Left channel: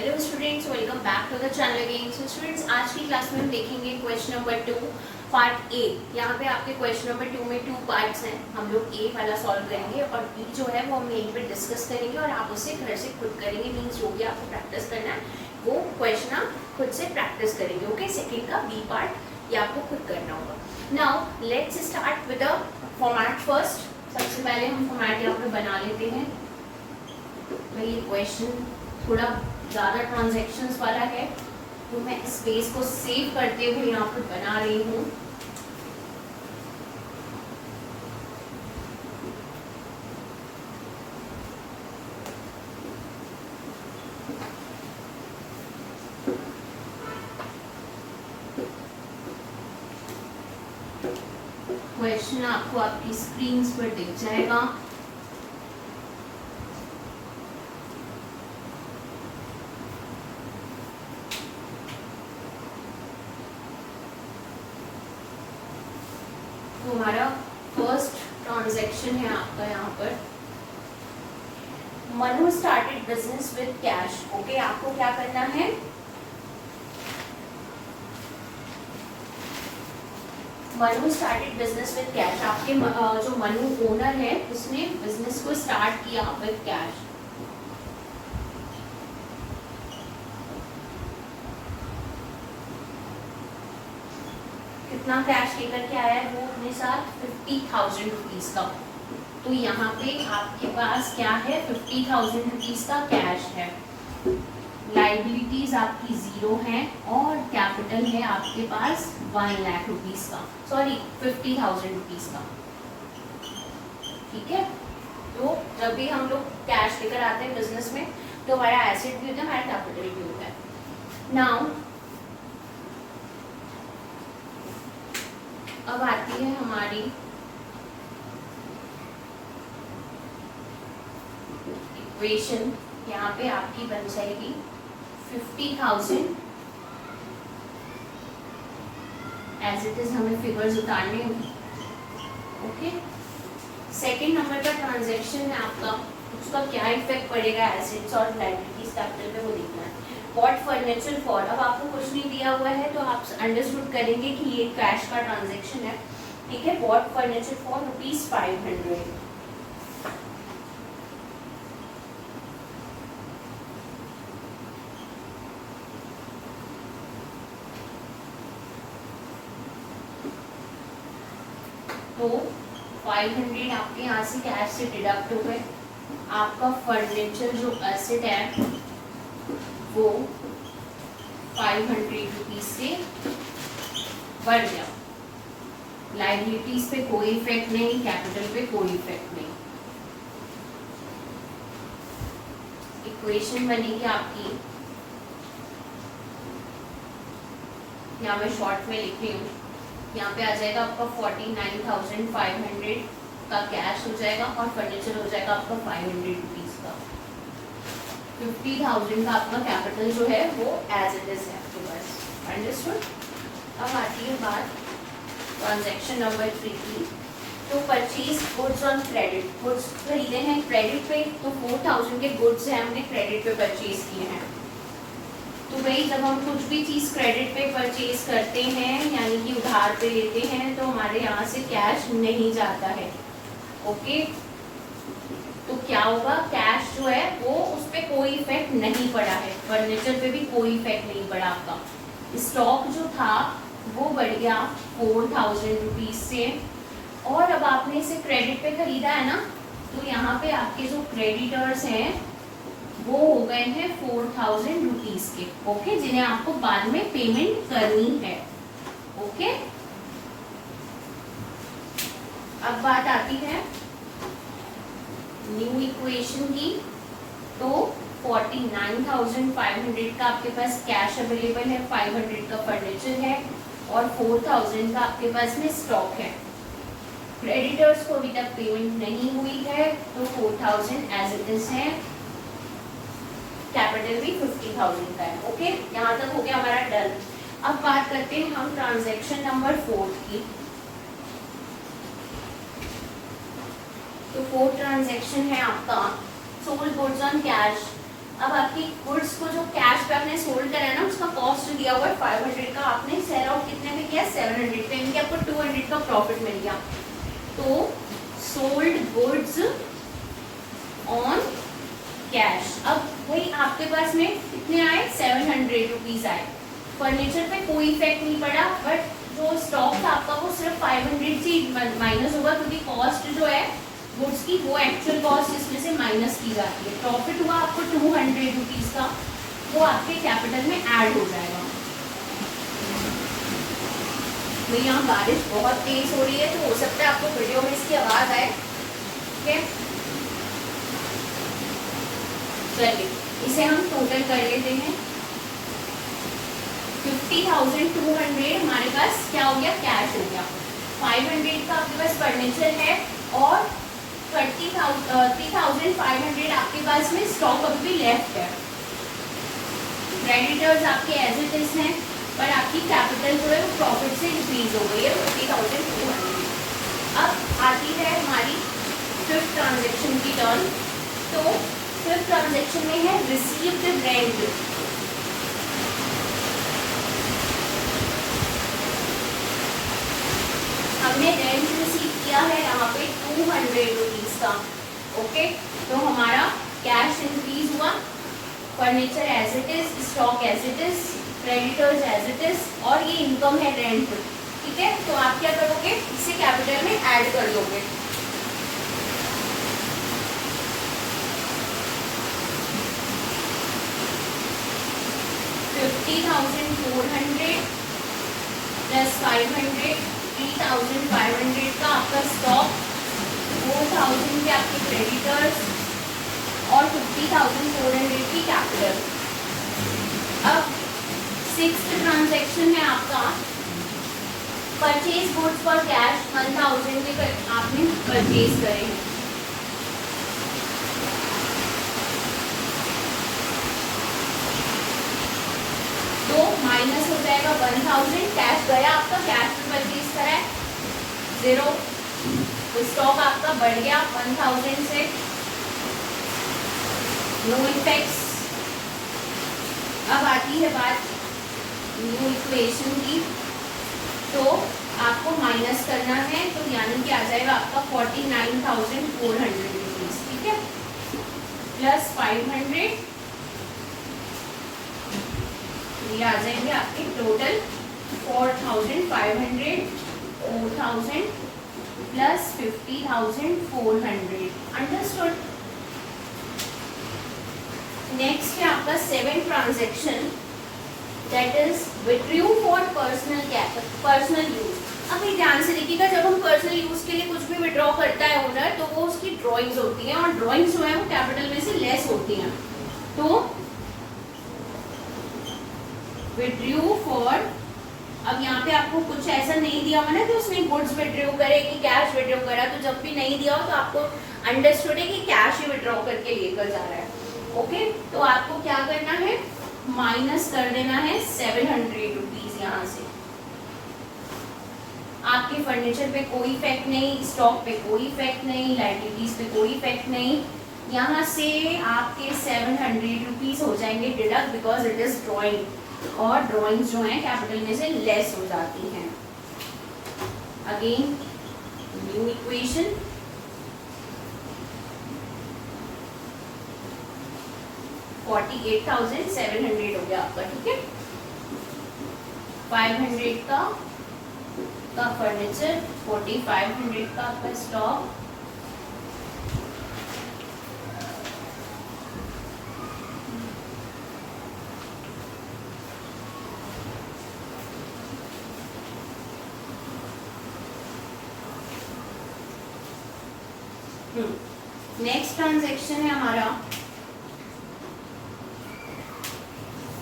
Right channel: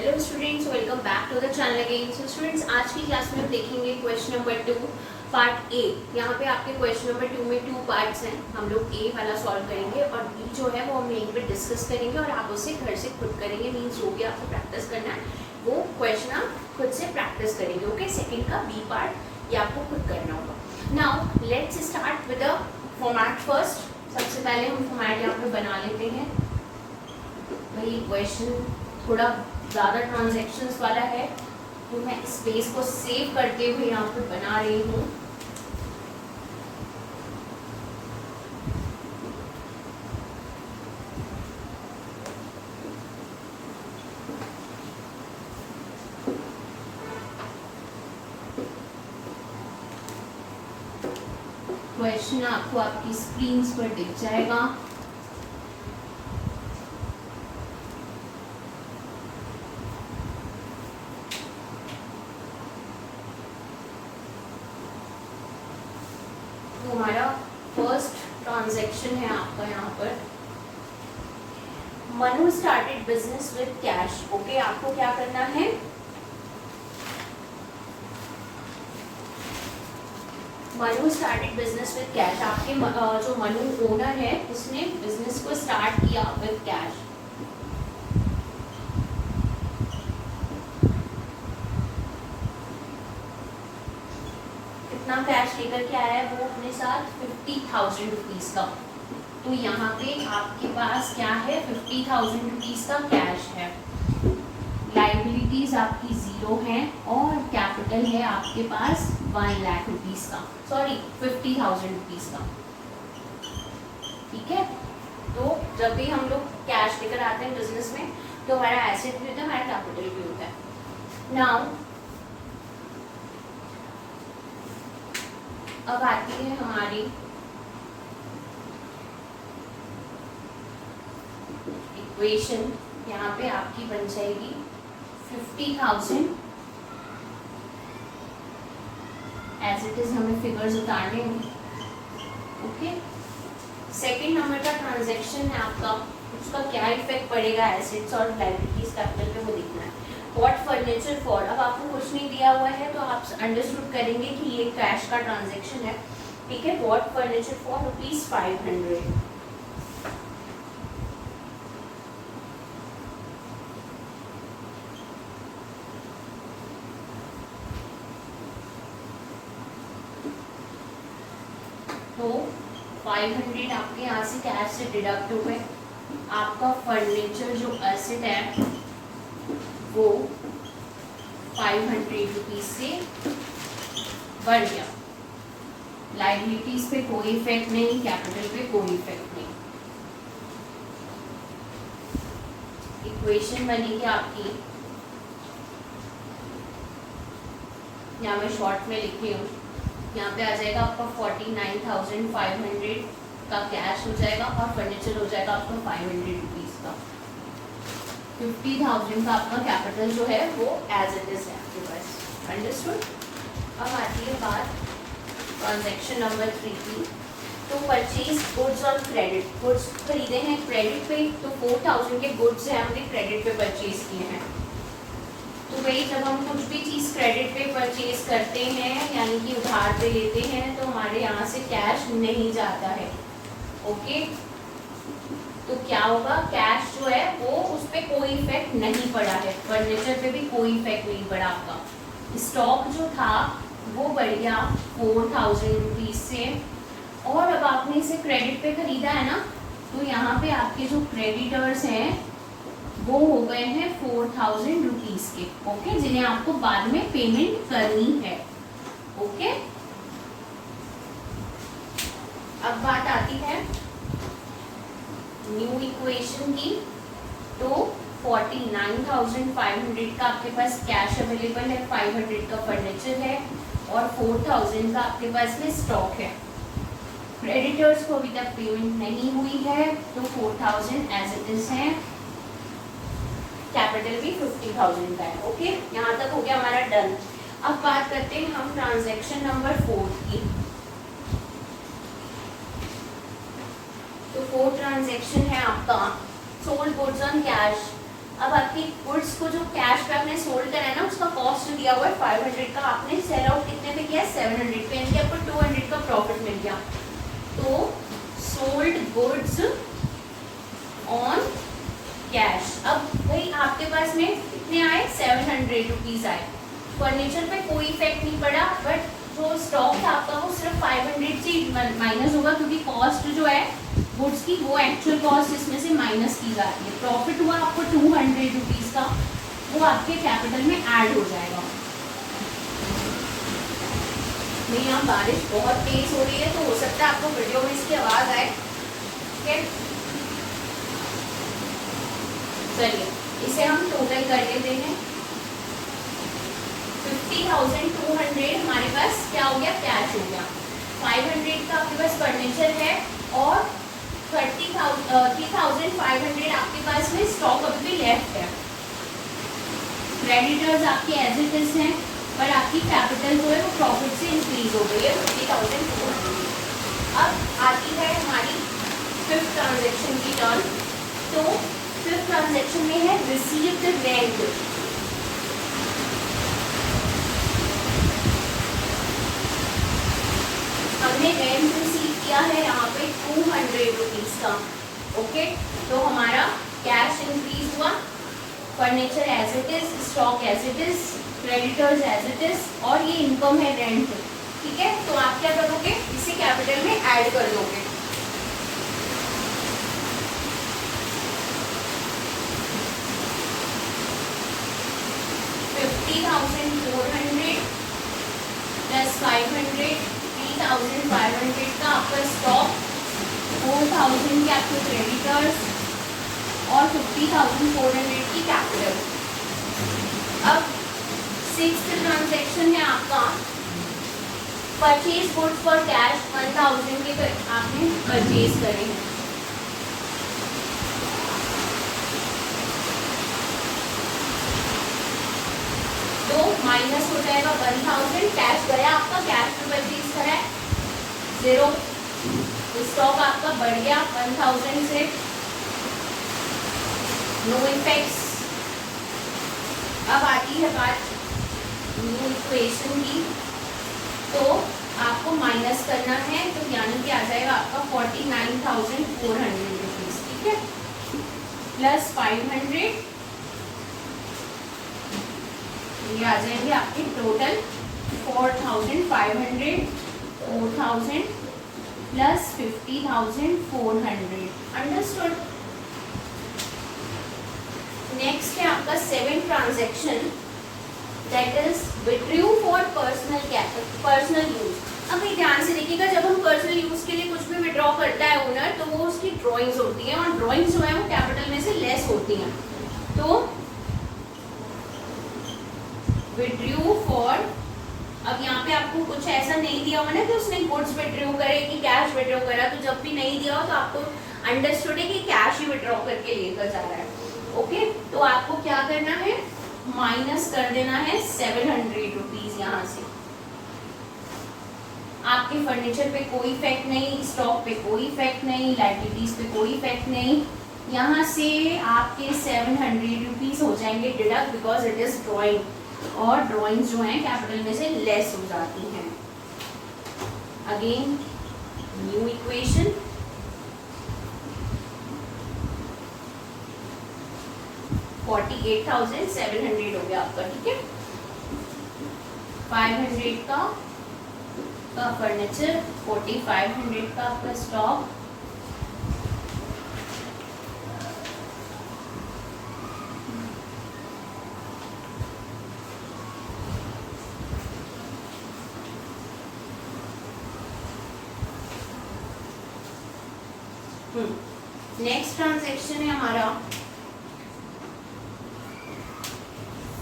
Hello students, welcome back to the channel again. So students, आज की class में हम देखेंगे क्वेश्चन नंबर 2 पार्ट ए। यहाँ पे आपके क्वेश्चन नंबर 2 में 2 पार्ट्स हैं। हम लोग ए वाला सॉल्व करेंगे और बी जो है वो हम यहीं पे डिस्कस करेंगे और आप उससे घर से खुद करेंगे। मीन्स जो भी आपको प्रैक्टिस करना है वो क्वेश्चन आप खुद से प्रैक्टिस करेंगे। ओके, सेकेंड का बी पार्ट ये आपको खुद करना होगा। Now let's start with the format first. सबसे पहले हम फॉर्मेट यहाँ पे बना लेते हैं। भाई क्वेश्चन थोड़ा ज़्यादा ट्रांजैक्शंस वाला है तो मैं स्पेस को सेव करते हुए यहाँ पे बना रही हूँ। क्वेश्चन आपको आपकी स्क्रीन पर दिख जाएगा। हमारा फर्स्ट ट्रांजैक्शन है आपका यहाँ पर, Manu started business with cash. Okay, आपको क्या करना है, Manu started business with cash. आपके जो मनु ओनर है उसने बिजनेस को स्टार्ट किया विद कैश। कितना कैश लेकर के आया है वो अपने साथ 50,000 रुपीज का। तो यहाँ पे आपके पास क्या है, 50,000 रुपीज का कैश है। लाइबिलिटीज आपकी 0 है और कैपिटल है आपके पास 1 लाख रुपीज का, सॉरी 50,000 रुपीज का। ठीक है, तो जब भी हम लोग कैश लेकर आते हैं बिजनेस में तो हमारा एसेट भी होता है, हमारा कैपिटल भी होता है। नाउ अब आती है हमारी इक्वेशन। यहाँ पे आपकी बन जाएगी 50,000 एज इट इज, हमें फिगर्स उतारने हैं। ओके, सेकेंड नंबर का ट्रांजैक्शन है आपका, उसका क्या इफेक्ट पड़ेगा एसेट्स और लायबिलिटीज कैपिटल पे वो देखना है। व्हाट फर्नीचर फॉर, अब आपको कुछ नहीं दिया हुआ है तो आप अंडरस्टूड करेंगे कि ये कैश का ट्रांजैक्शन है। ठीक है, व्हाट फर्नीचर फॉर ₹500। तो 500 आपके यहाँ से कैश से डिडक्ट हो गए। आपका फर्नीचर जो एसेट है वो 500 रुपीज से बढ़ गया। लाइबिलिटीज पे कोई इफेक्ट नहीं, कैपिटल पे कोई इफेक्ट नहीं। इक्वेशन बनेगी आपकी, यहाँ मैं शॉर्ट में लिख रही हूँ। यहाँ पे आ जाएगा आपका 49,500 का कैश हो जाएगा और फर्नीचर हो जाएगा आपका 500 रुपीज का। 50,000 का आपका कैपिटल जो है वो एज इट इज है आपके पास। अंडरस्टूड। अब आती है बात ट्रांजैक्शन नंबर 3 की। तो purchase goods on credit, goods खरीदे हैं क्रेडिट पे, तो 4,000 के गुड्स हैं हमने क्रेडिट पे परचेज किए हैं। तो भाई जब हम कुछ भी चीज़ क्रेडिट पे परचेज करते हैं यानी कि उधार पे लेते हैं तो हमारे यहाँ से कैश नहीं जाता है। ओके, तो क्या होगा, कैश जो है वो उस पर कोई इफेक्ट नहीं पड़ा है, फर्नीचर पे भी कोई इफेक्ट नहीं पड़ा आपका। स्टॉक जो था वो बढ़ गया 4,000 रुपीज से, और अब आपने इसे क्रेडिट पे खरीदा है ना, तो यहाँ पे आपके जो क्रेडिटर्स हैं वो हो गए हैं 4,000 रुपीज के। ओके, जिन्हें आपको बाद में पेमेंट करनी है। ओके, अब बात आती है न्यू इक्वेशन की। तो 49,500 का आपके पास कैश अवेलेबल है, 500 का फर्नीचर है और 4,000 का आपके पास में स्टॉक है। क्रेडिटर्स को अभी तक पेमेंट नहीं हुई है तो 4,000 एज इट इज है, कैपिटल भी 50,000 का है। ओके, यहाँ तक हो गया हमारा डन। अब बात करते हैं हम ट्रांजैक्शन नंबर 4 की। तो 4 ट्रांजैक्शन है आपका सोल्ड गुड्स ऑन कैश। अब आपकी गुड्स को जो कैश पे आपने सोल्ड करा है ना, उसका कॉस्ट दिया हुआ है 500 का, आपने सेल आउट कितने में किया 700 पे, यानी कि आपको 200 का प्रॉफिट मिल गया। तो सोल्ड गुड्स ऑन कैश। अब भाई आपके पास में कितने आए 700 रुपीज आए, फर्नीचर पे कोई इफेक्ट नहीं पड़ा, बट जो स्टॉक था आपका वो सिर्फ 500 से माइनस होगा, क्योंकि कॉस्ट जो है गुड्स की वो एक्चुअल कॉस्ट इसमें से माइनस की जाती है। प्रॉफिट हुआ आपको 200 रुपीज का, वो आपके कैपिटल में ऐड हो जाएगा। भाई यहाँ बारिश बहुत तेज हो रही है, तो हो सकता है आपको वीडियो में इसकी आवाज आए। ठीक है, चलिए इसे हम टोटल कर लेते हैं। 50,200 हमारे पास क्या हो गया, कैश हो गया। 500 का आपके पास फर्नीचर है और 3,500 आपके पास में स्टॉक अभी भी लेफ्ट है। क्रेडिटर्स आपके एज इट इज हैं, पर आपकी कैपिटल जो है वो प्रॉफिट से इंक्रीज हो गई है 50,200। अब आती है हमारी फिफ्थ ट्रांजेक्शन की टर्न। तो फिफ्थ ट्रांजेक्शन में है रिसीव्ड रेंट। हमने रेंट रिसीव किया है यहाँ पे 200 रुपीज का। ओके, तो हमारा कैश इंक्रीज हुआ, furniture as it is, stock as it is, creditors as it is, और ये इनकम है रेंट। ठीक है, तो आप क्या करोगे, इसे कैपिटल में ऐड कर दोगे। $50,400 प्लस 500, 3,500 का आपका स्टॉक, 4,000 के आपके क्रेडिटर्स और 50,400 की कैपिटल। अब सिक्स्थ ट्रांजैक्शन में आपका परचेज गुड्स फॉर कैश 1,000 के आपने परचेज करे हैं। तो माइनस हो जाएगा 1,000, कैश गया आपका, कैश में परचेज करा है 0, स्टॉक आपका बढ़ गया 1,000 से, नो इफेक्ट्स। अब आती है बात न्यू इक्वेशन की, तो आपको माइनस करना है, तो यानी कि आ जाएगा आपका 49,400 रुपीज। ठीक है, प्लस 500, ये आ जाएंगे आपके टोटल 4,500, 4,000 प्लस 50,400। अंडरस्टूड। नेक्स्ट है आपका seventh transaction, that is withdrew for personal use. अब ये ध्यान से देखिएगा, जब हम पर्सनल यूज के लिए कुछ भी विड्रॉ करता है ओनर, तो वो उसकी ड्रॉइंग्स होती हैं, और ड्रॉइंग्स जो है वो कैपिटल में से लेस होती हैं। तो विड्रू फॉर, अब यहाँ पे आपको कुछ ऐसा नहीं दिया हुआ ना कि उसने गुड्स विड्रॉ करे कि कैश विड्रॉ करा, तो जब भी नहीं दिया हो तो आपको अंडरस्टूड है कि कैश ही विड्रॉ करके लेकर जा रहा है। ओके, तो आपको क्या करना है, माइनस कर देना है 700 रुपीज यहाँ से। आपके फर्नीचर पे कोई इफेक्ट नहीं, स्टॉक पे कोई इफेक्ट नहीं, लाइबिलिटीज पे कोई इफेक्ट नहीं, यहाँ से आपके 700 रुपीज हो जाएंगे deduct, because it is drawing, और ड्राइंग्स जो हैं कैपिटल में से लेस हो जाती हैं। अगेन न्यू इक्वेशन, $48,700 हो गया आपका। ठीक है, 500 का फर्नीचर, 4,500 का आपका स्टॉक, नेक्स्ट ट्रांजैक्शन है हमारा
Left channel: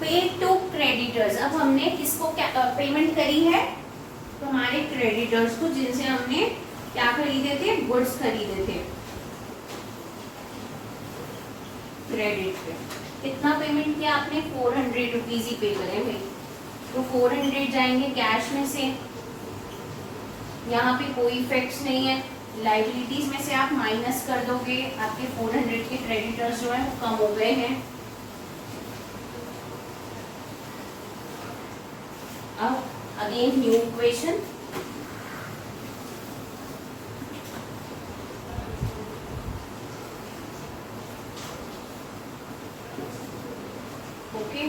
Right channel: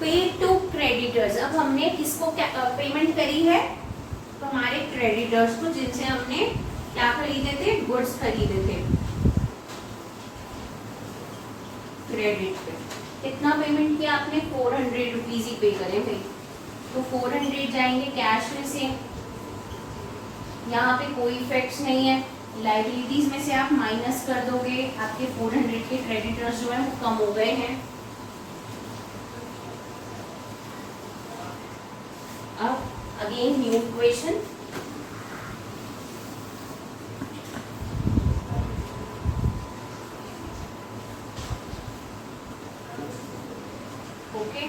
पे टू क्रेडिटर्स। अब हमने किसको पेमेंट करी है, तो हमारे क्रेडिटर्स को, जिनसे हमने क्या खरीदे थे, गुड्स खरीदे थे। क्रेडिट पे कितना पेमेंट किया आपने, 400 रुपीज ही पे करे भाई, तो 400 जाएंगे कैश में से, यहाँ पे कोई इफेक्ट्स नहीं है। लाइबिलिटीज में से आप माइनस कर दोगे, आपके 400 के क्रेडिटर्स जो है वो कम हो गए हैं। Again new equation, okay.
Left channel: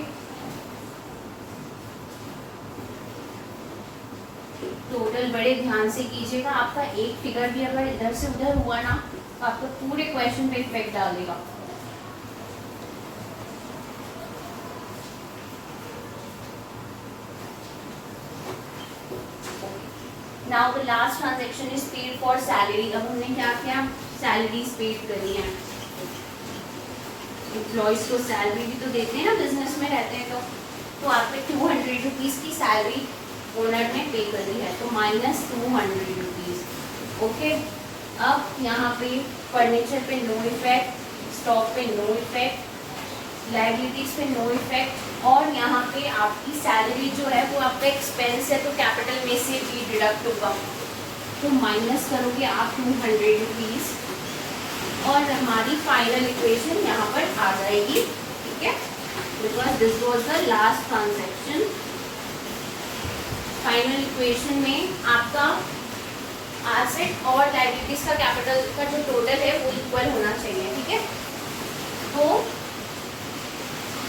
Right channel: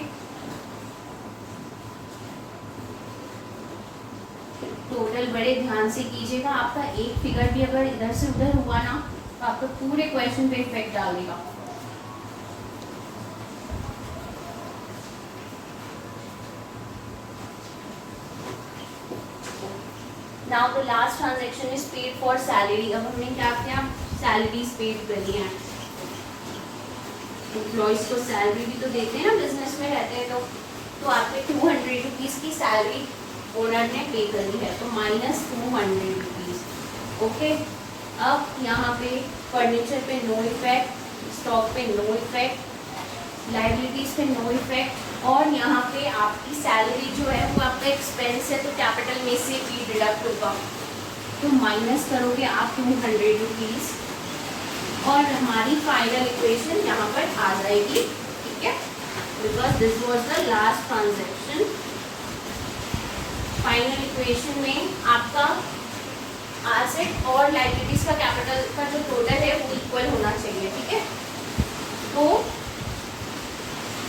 Total बड़े ध्यान से कीजिएगा, आपका एक फिगर भी अगर इधर से उधर हुआ ना तो आपको पूरे क्वेश्चन पे इफेक्ट डाल देगा। Now the last transaction is paid for salary. अब हमने क्या किया, सैलरीज पेड करी है। एम्प्लॉइज को सैलरी भी तो देते हैं ना, बिजनेस में रहते हैं तो आपने 200 रुपीज की सैलरी ओनर ने पे करी है, तो माइनस 200 रुपीज। ओके, अब यहाँ पे फर्नीचर पे नो इफेक्ट, स्टॉक पे नो इफेक्ट, लाइबिलिटीज पे नो इफेक्ट, और यहाँ पे आपकी सैलरी जो है वो आपका एक्सपेंस है तो कैपिटल में से भी डिडक्ट होगा, तो माइनस करोगे आप 200 रुपीज और हमारी फाइनल इक्वेशन यहाँ पर आ जाएगी। ठीक है, because this was the last transaction. Final equation में आपका एसेट और लाइबिलिटीज का कैपिटल का जो टोटल है वो इक्वल होना चाहिए। ठीक है, तो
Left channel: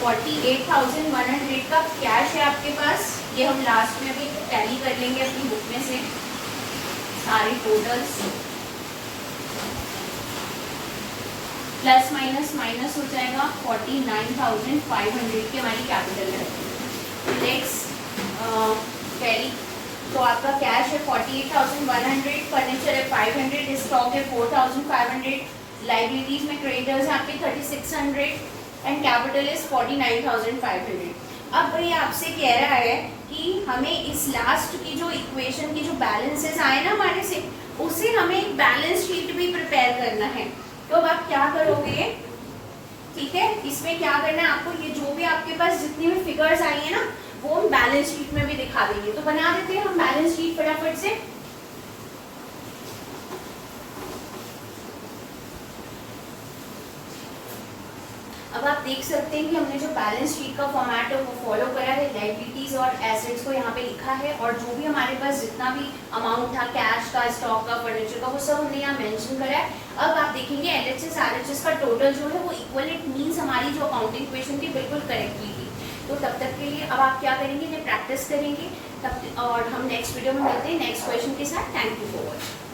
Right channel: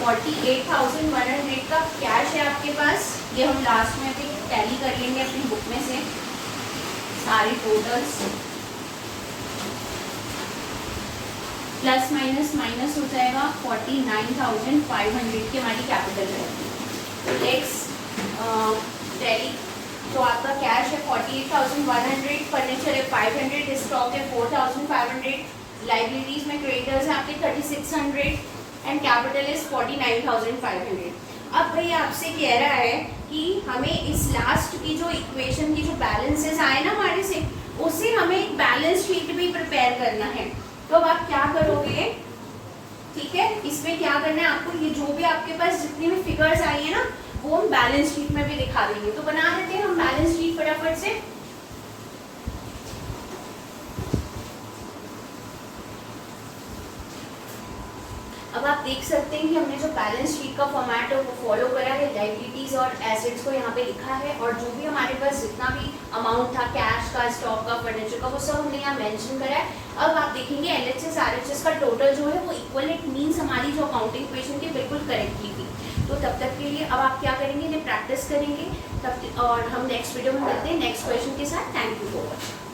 48,100 का कैश है आपके पास, ये हम लास्ट में अभी टैली कर लेंगे अपनी बुक में से सारे टोटल्स, प्लस माइनस माइनस हो जाएगा 49,500 की हमारी कैपिटल है। नेक्स्ट टैली, तो आपका कैश है 48,100, फर्नीचर है 500, स्टॉक है 4,500, लाइबिलिटीज में क्रेडिटर्स है आपके 3,600 एंड कैपिटल इज 49,500। अब भाई आपसे कह रहा है कि हमें इस लास्ट की जो इक्वेशन की जो बैलेंसेस आए ना हमारे से, उसे हमें एक बैलेंस शीट भी प्रिपेयर करना है। तो अब आप क्या करोगे, ठीक है, इसमें क्या करना है आपको, ये जो भी आपके पास जितनी भी फिगर्स आई है ना वो हम बैलेंस शीट में भी दिखा देंगे। तो बना देते हैं हम बैलेंस शीट फटाफट से। अब आप देख सकते हैं कि हमने जो बैलेंस शीट का फॉर्मेट है वो फॉलो करा है, लाइबिलिटीज और एसेट्स को यहाँ पे लिखा है, और जो भी हमारे पास जितना भी अमाउंट था कैश का, स्टॉक का, फर्नीचर का, वो सब हमने यहाँ मेंशन करा है। अब आप देखेंगे एलएचएस आरएचएस का टोटल जो है वो इक्वल, इट मीन्स हमारी जो अकाउंटिंग इक्वेशन थी बिल्कुल करेक्ट हुई थी। तो तब तक के लिए अब आप क्या करेंगे, ये प्रैक्टिस करेंगे तब, और हम नेक्स्ट वीडियो में मिलते हैं नेक्स्ट क्वेश्चन के साथ। Thank you for watching.